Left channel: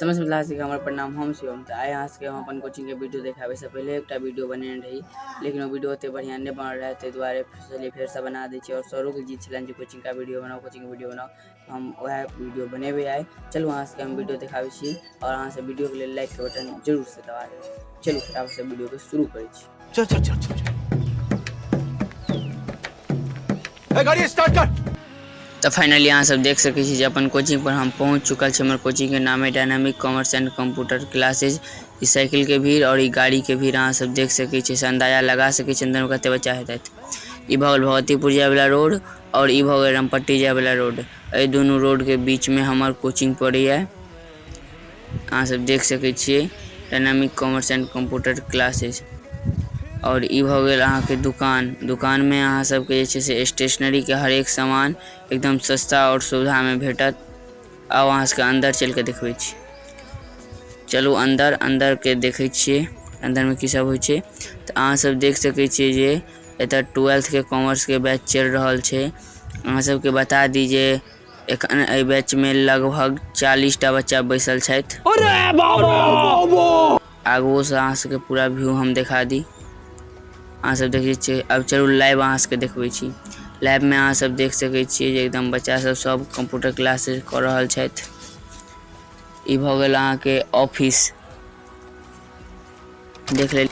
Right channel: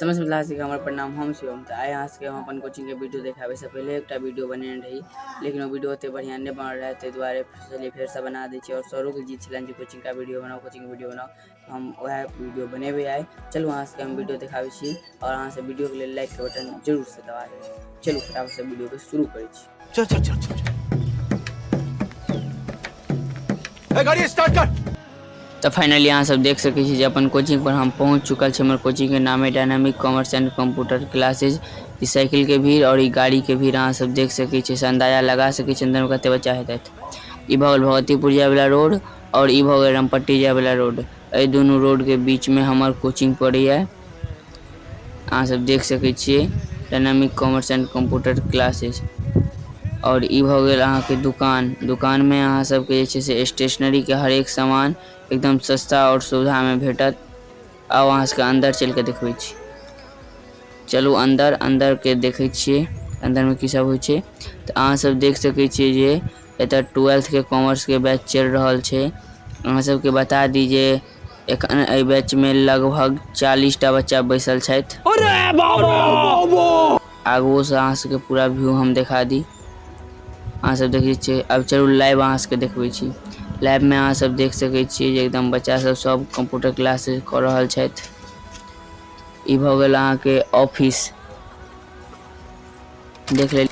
समझ में ला सके हमारे प्रणाम हम शिवम। तो आए यहाँ से हम अपन कोचिंग के वीडियो देखाबे से पहले एक वीडियो बने रही, लेकिन वो वीडियो ओते बढ़िया नहीं बन रहा है, द्वारे चलिए फिर से बना दी। और सरों के जीत छलन कोचिंग का वीडियो बनाओ, कोचिंग का वीडियो बनाओ, तो हम वह वीडियो बने हुए आए। चलो वहाँ से हम वीडियो देखाबे छी और यहाँ से वीडियो के लिए लाइक के बटन जरूर से दबा देवे। चलो फटाफट से वीडियो के शुरू करी छी। चल गाड़ी स्टार्ट कर। तो फाइनली यहाँ सब देख सके छी अपन कोचिंग पर हम पहुँच चुकल छे। हमारे कोचिंग के नाम है dynamic commerce and computer classes. इस साइकिल के भीड़ और गाड़ी के भीड़ यहाँ सब देख सके छी, अंदाजा लगा सके छी अंदर में कते बच्चा हेतै। ई भगल भगवतीपुर जाए वाला रोड और ई भगल रामपट्टी जाए वाला रोड। ए दोनों रोड के बीच में हमार कोचिंग पड़ी है। यहाँ सब देख सके छी dynamic commerce and computer classes. और ई भ गेल अहाँ के दुकान में अहाँ सबके से स्टेशनरी के हर एक सामान एकदम सस्ता और सुविधा में भेटत। अब वहाँ से अंदर चल के देखबै छी। चलू अंदर के देखे छिए अंदर में की सब होइ छे। तो अहाँ सब देख सके छी जे एत 12th के कॉमर्स के बैच चल रहा छे। अहाँ सबके बता दीजिए एखन ए बैच में लगभग 40टा बच्चा बैसल छथि। आगू से अहाँ सबके पूरा व्यू हम दिखा दी। अहाँ सब देखे छी। अब चलू लाइव अहाँ सबके देखबै छी। लाइव में अहाँ सब देख सके छी जे एकदम बच्चा सब कंप्यूटर क्लासेस कर रहल छथि। ई भ गेल अहाँ के ऑफिस देख ले।